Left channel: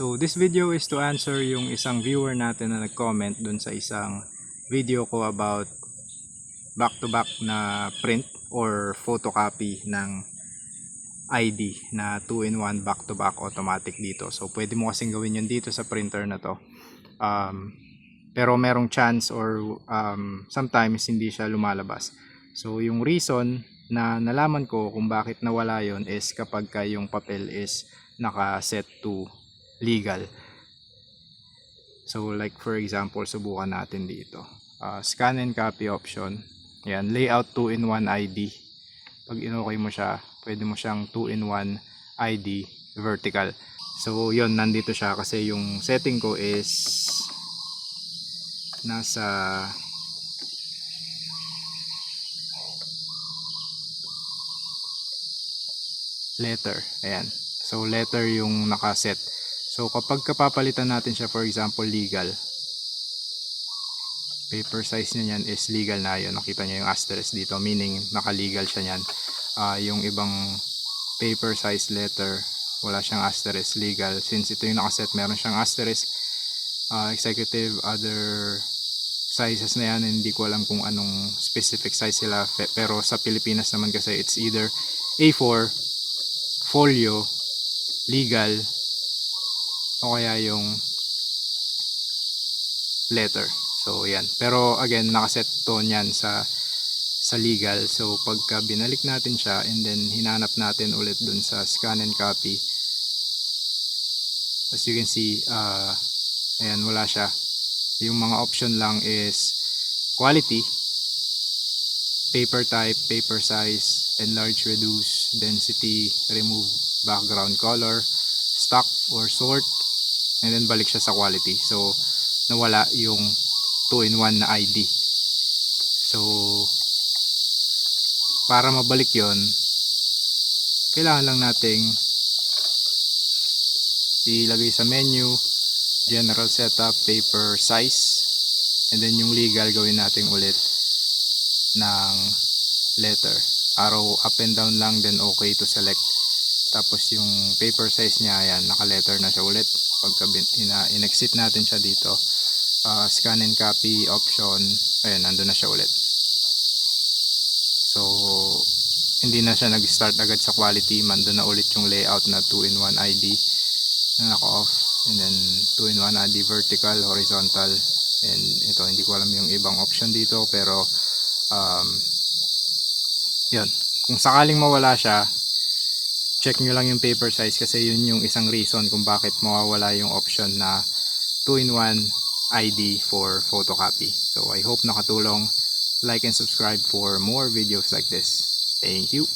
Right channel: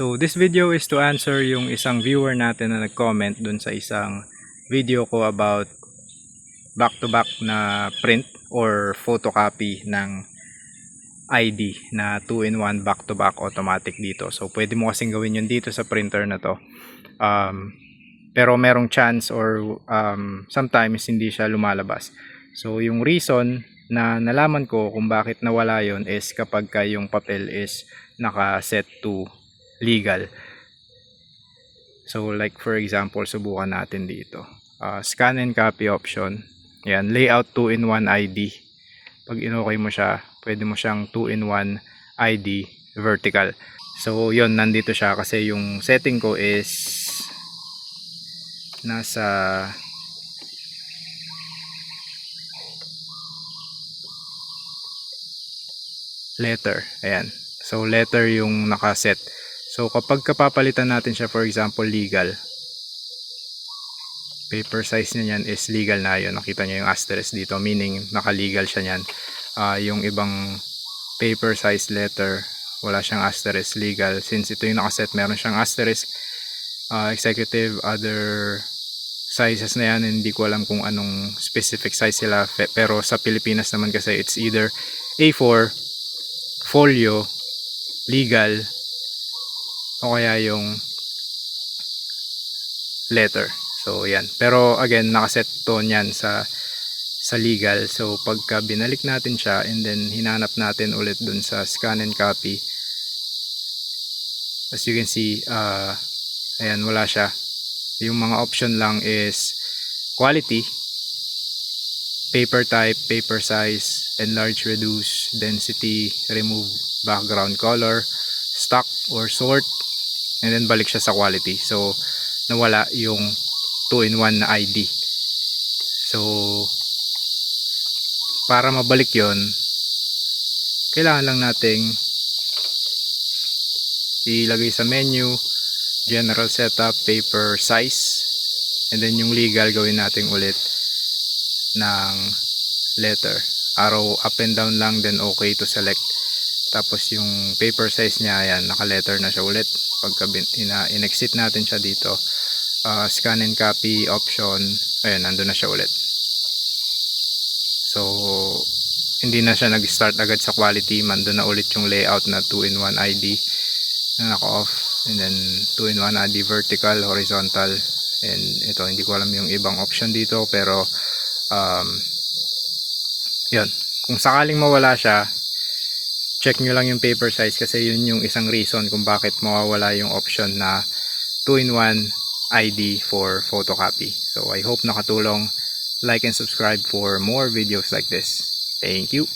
So this video is to answer yung isang viewer natin na nag-comment dun sa isang video ko about back-to-back na print or photocopy ng ID na 2-in-1 back-to-back automatic dito. So pwede mo kasing gawin yun dito sa printer na to. Pero merong chance or sometimes hindi siya lumalabas. So yung reason na nalaman ko kung bakit nawala yon is kapag yung papel is naka-set to legal. So like for example, subukan natin dito. Scan and copy option. Yan, layout 2-in-1 ID. Pag in-okay mo siya, pwede mo siyang 2-in-1 ID vertical. So yon, nandito siya kasi yung setting ko is nasa letter. Ayan. So letter yung nakaset. So kapag kapapalitan natin siya, for example legal, paper size niya yan is legal na yun. Nakita niyo yung asterisk dito, meaning naka-legal siya niyan. Yung ibang paper size letter, wala siyang asterisk, legal. Since ito yung nakaset, meron siyang asterisk. Executive, other sizes na yan, hindi ko alam kung anong specific size sila, pero sa Pilipinas naman kasi it's either A4, folio, legal, o kaya yung letter. So yan, pero again nakaset to niyan sa legal. So pagka binalik natin siya and then hinanap natin ulit dun sa scan and copy, as you can see, ayan, wala siya. Yung mga option lang is quality, paper type, paper size, enlarge, reduce, density, remove background color, stock or sort, and then balik siya sa quality. So nawala yung 2-in-1 na ID. So para mabalik yon, kailangan lang nating ilagay sa menu, general setup, paper size, and then yung legal gawin natin ulit ng letter, arrow up and down lang, then okay to select. Tapos yung paper size niya, ayan, naka letter na siya ulit. Pagka in-exit natin siya dito, scan and copy option, ayan, nandun na siya ulit. So hindi na siya nag-start agad sa quality, nandun na ulit yung layout na 2-in-1 ID na naka-off, and then 2-in-1 ID vertical, horizontal, and ito hindi ko alam yung ibang option dito, pero yun, kung sakaling mawala siya, check nyo lang yung paper size kasi yun yung isang reason kung bakit mawawala yung option na 2-in-1 ID for photocopy. So I hope nakatulong. Like and subscribe for more videos like this. Thank you.